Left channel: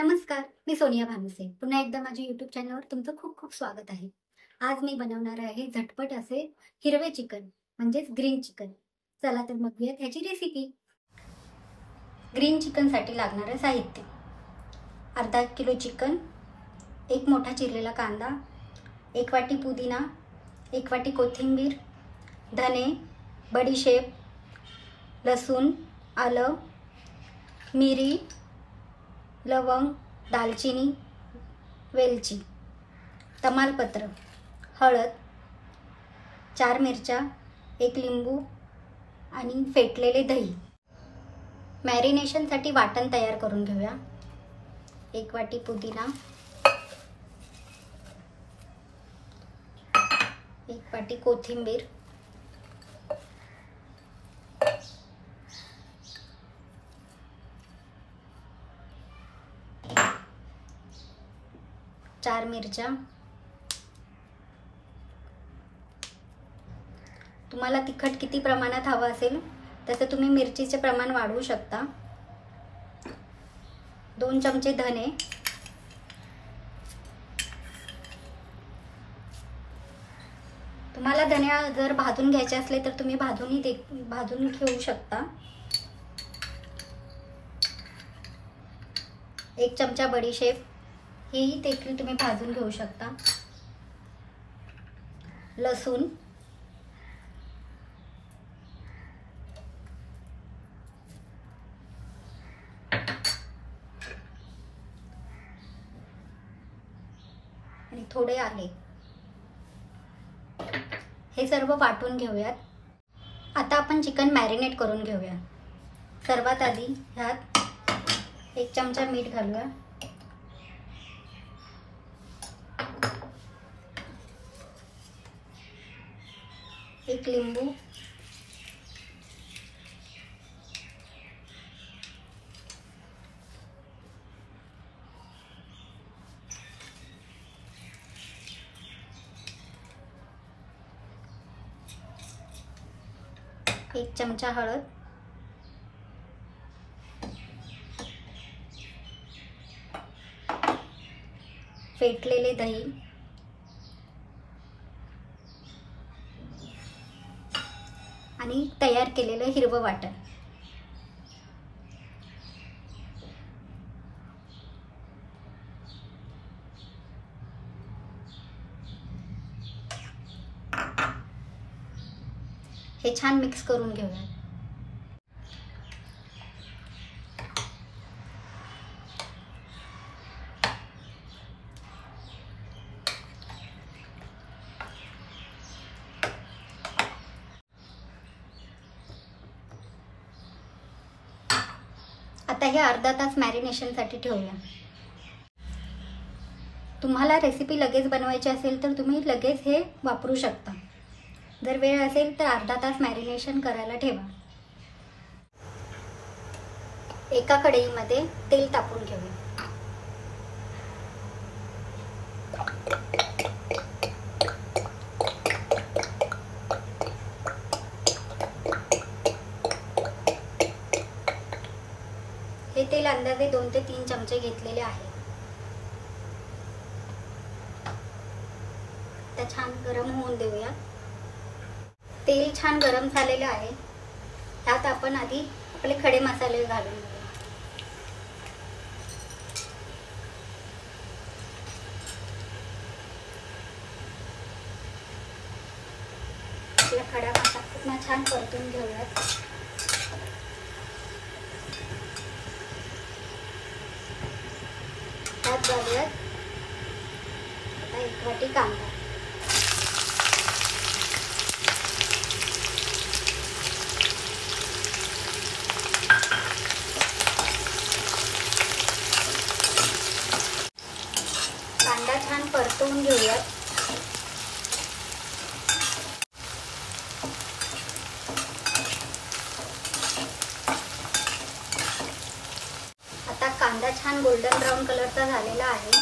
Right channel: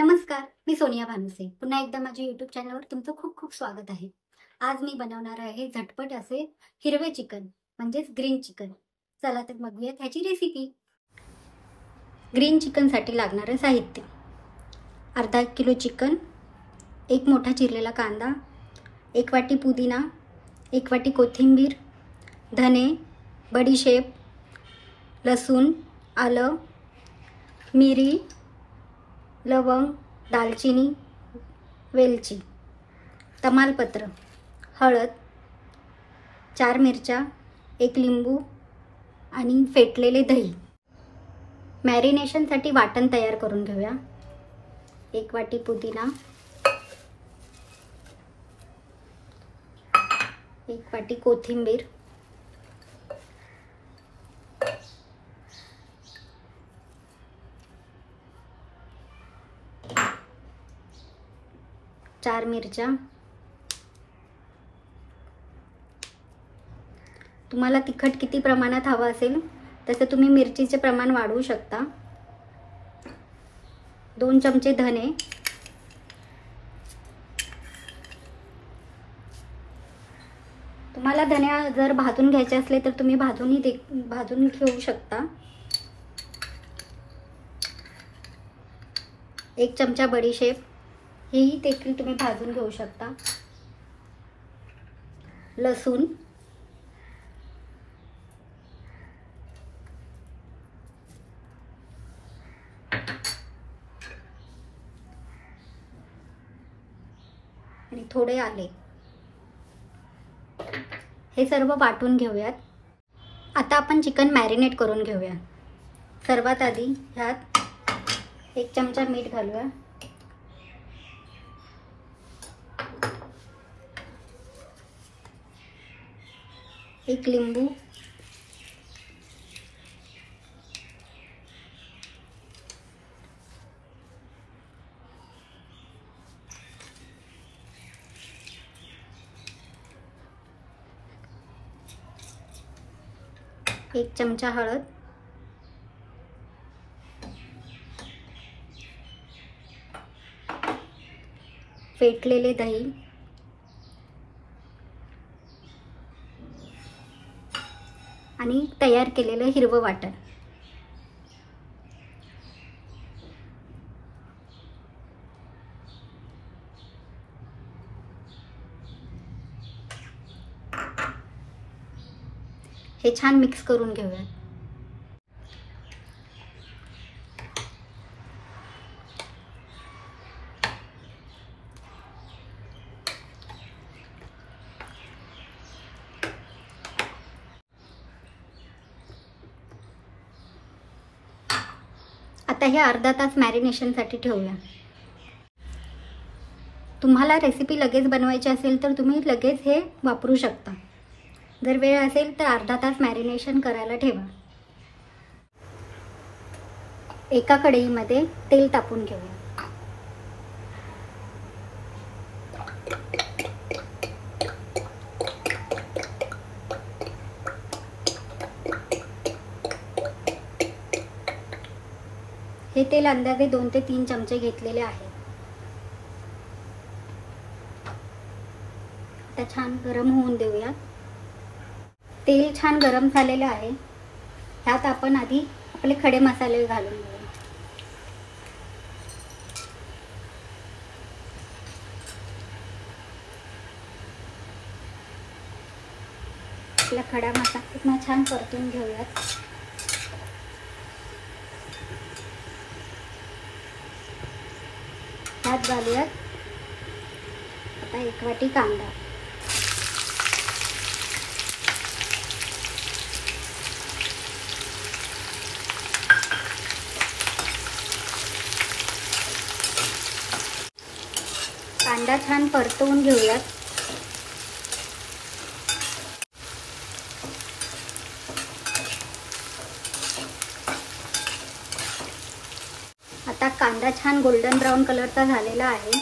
नमस्कार, मी सोनिया भानुसे। पुन्हा एकदा माझ्या YouTube चॅनलवर तुमचं खूप खूप स्वागत आहे। आज मी बनवणार आहे झटपट असे हिरवे चिकन म्हणजेच ग्रीन चिकन। चला तर बघूया त्याची रेसिपी। ग्रीन चिकन साठी लागणारे साहित्य: अर्धा किलो चिकन, एक मोठा चिरलेला कांदा, एक वाटी पुदिना, एक वाटी कोथिंबीर, धने, बडीशेप, लसूण, आलं, मिरी, लवंग, दालचिनी, वेलची, तमालपत्र, हळद, 4 मिरच्या, एक लिंबू आणि फेटलेले दही। मॅरिनेशन साठी वाटण तयार करून घेऊया। 1 वाटी पुदिना, 1 वाटी कोथिंबीर, 4 मिरच्या। तुम्हाला तिखट किती प्रमाणात हवं असेल तसं तुम्ही मिरचीचे प्रमाण वाढवू शकता। 2 चमचे धने, तुम्हाला धने जर भाजून घ्यायचे असले तर तुम्ही भाजून घेऊ शकता। 1 चमचा बडीशेप, ही देखील तुम्ही भाजून घेऊ शकता। लसूण, आणि थोडे आले, हे सर्व वाटून घेऊयात। आता आपण चिकन मॅरिनेट करून घेऊया। सर्वात आधी ह्यात 1 चमचा मीठ घालूया, 1 लिंबू, 1 चमचा हळद, फेटलेले दही आणि तयार केलेलं हिरवं वाटण। हे छान मिक्स करून घेऊया। आता हे अर्धा तास मॅरिनेशन साठी ठेवूया। तुम्हाला रेसिपी लगेच बनवायची असेल तर तुम्ही लगेच हे वापरू शकता। जर वेळ असेल तर अर्धा तास मॅरिनेशन करायला ठेवा। एका कढईमध्ये तेल टाकून घेऊया। हे तेल अंदाजे 2 ते 3 चमचे घेतलेले आहे। आता छान गरम होऊन देऊया। तेल छान गरम झालेलं आहे। ह्यात आपण आधी आपले खडे मसाले घालून घेऊया। आपला खडा मसाला छान परतून घेऊया। ह्यात घालूया आता 1 वाटी कांदा, कांदा छान परतवून घेऊया। आता कांदा छान गोल्डन ब्राउन कलरचा झालेला आहे।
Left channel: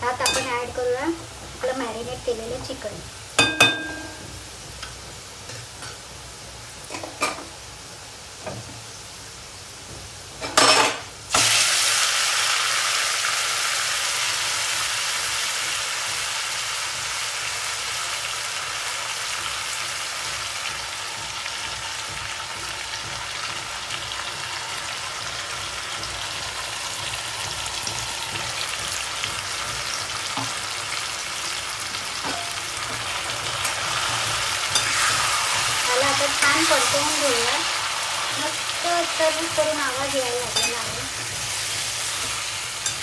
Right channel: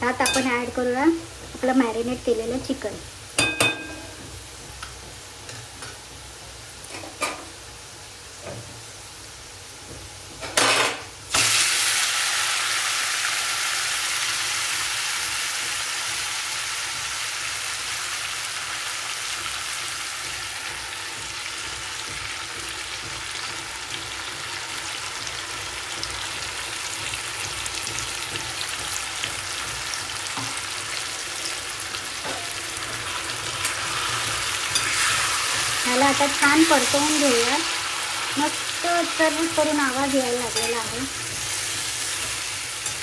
त्यात आपण ऍड करूया आपलं मॅरिनेट केलेलं चिकन। आता छान परतवून घेऊया. मस्त चरबीत करून आवाज यायला लागलेला आहे.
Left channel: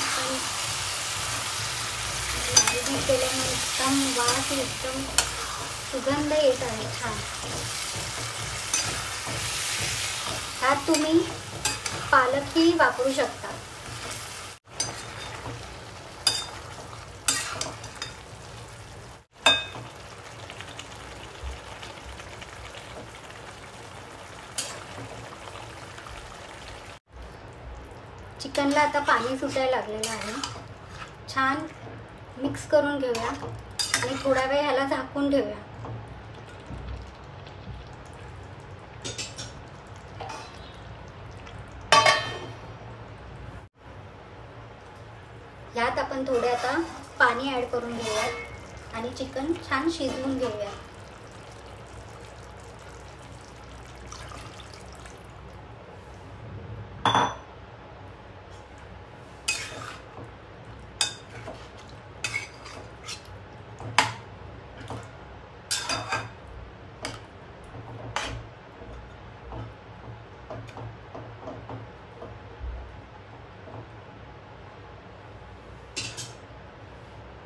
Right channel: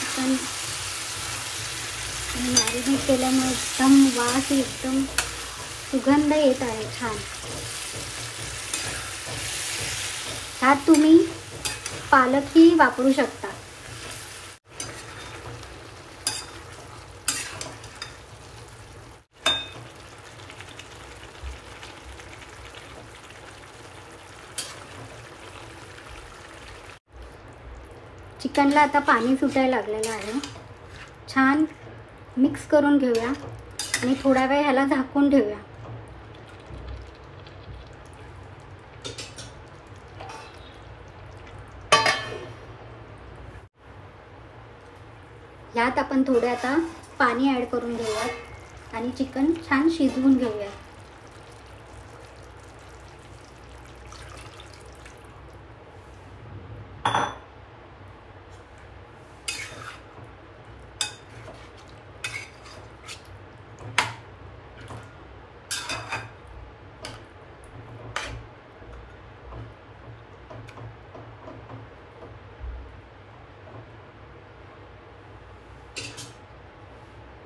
आपण मॅरिनेट केल्यामुळे एकदम वास एकदम सुगंध येत आहे छान. ह्यात तुम्ही पालकही वापरू शकता. चिकनला आता पाणी सुटायला लागलेलं आहे. छान मिक्स करून घेऊया आणि थोडा वेळ ह्याला झाकून ठेवूया. यात आपण थोडे आता पाणी ऍड करून घेऊया आणि चिकन छान शिजवून घेऊया.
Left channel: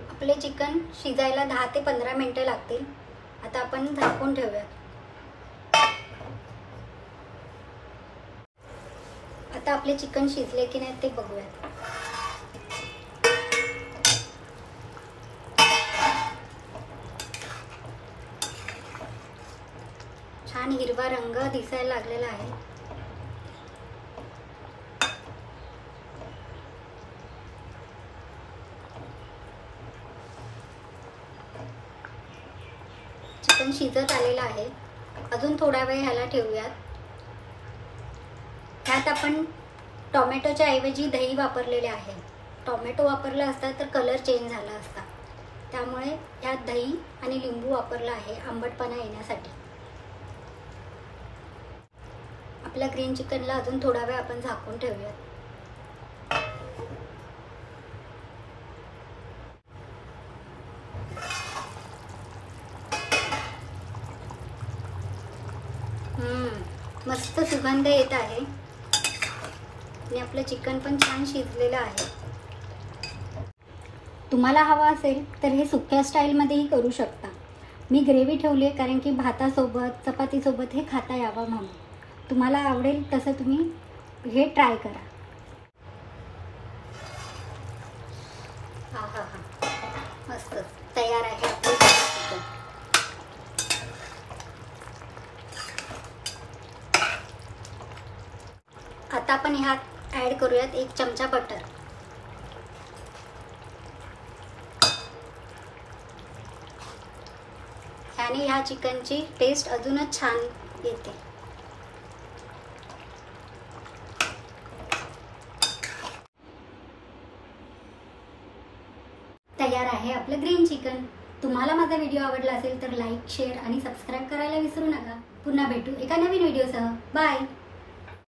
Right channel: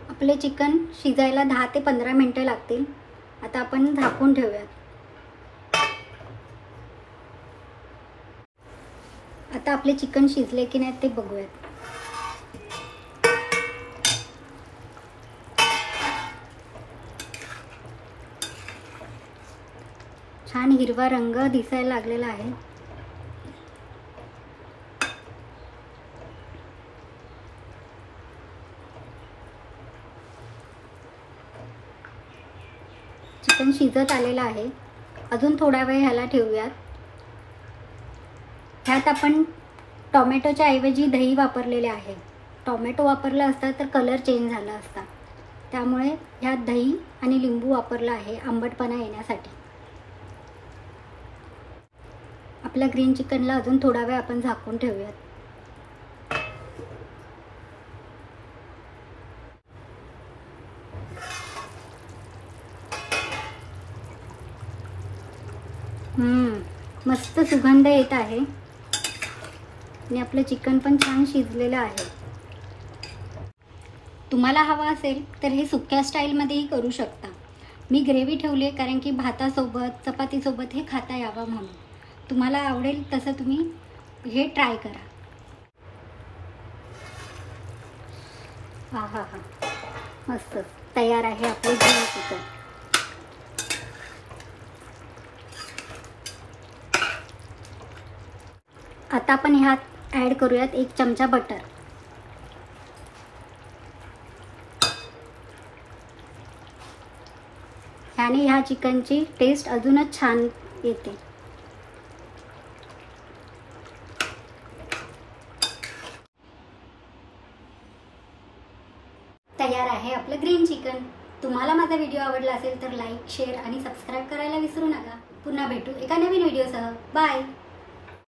आपले चिकन शिजायला 10 ते 15 मिनिटं लागतील. आता आपण झाकून ठेवूया. आता आपले चिकन शिजले की नाही ते बघूया. छान हिरवा रंग दिसायला लागलेला आहे. चिकन शिजत आलेलं आहे. अजून थोडा वेळ ह्याला ठेवूयात. ह्यात आपण टोमॅटोच्या ऐवजी दही वापरलेले आहे. टोमॅटो वापरला असता तर कलर चेंज झाला असता. त्यामुळे ह्यात दही आणि लिंबू वापरला आहे आंबटपणा येण्यासाठी. आपल्या ग्रीन चिकनला अजून थोडा वेळ आपण झाकून ठेवूया. मस्त सुगंध येत आहे आणि आपलं चिकन पण छान शिजलेलं आहे. तुम्हाला हवा असेल तर हे सुक्या स्टाईलमध्येही करू शकता. मी ग्रेव्ही ठेवली आहे कारण की भातासोबत चपातीसोबत हे खाता यावं म्हणून. तुम्हाला आवडेल तसं तुम्ही हे ट्राय करा. हा मस्त तयार आहे आपले ग्रीन चिकन. आता आपण ह्यात ऍड करूयात 1 चमचा बटर. ह्याने ह्या चिकनची टेस्ट अजूनच छान येते. तयार आहे आपलं ग्रीन चिकन. तुम्हाला माझा व्हिडिओ आवडला असेल तर लाईक, शेअर आणि सबस्क्राईब करायला विसरू नका. पुन्हा भेटू एका नवीन व्हिडिओसह. बाय.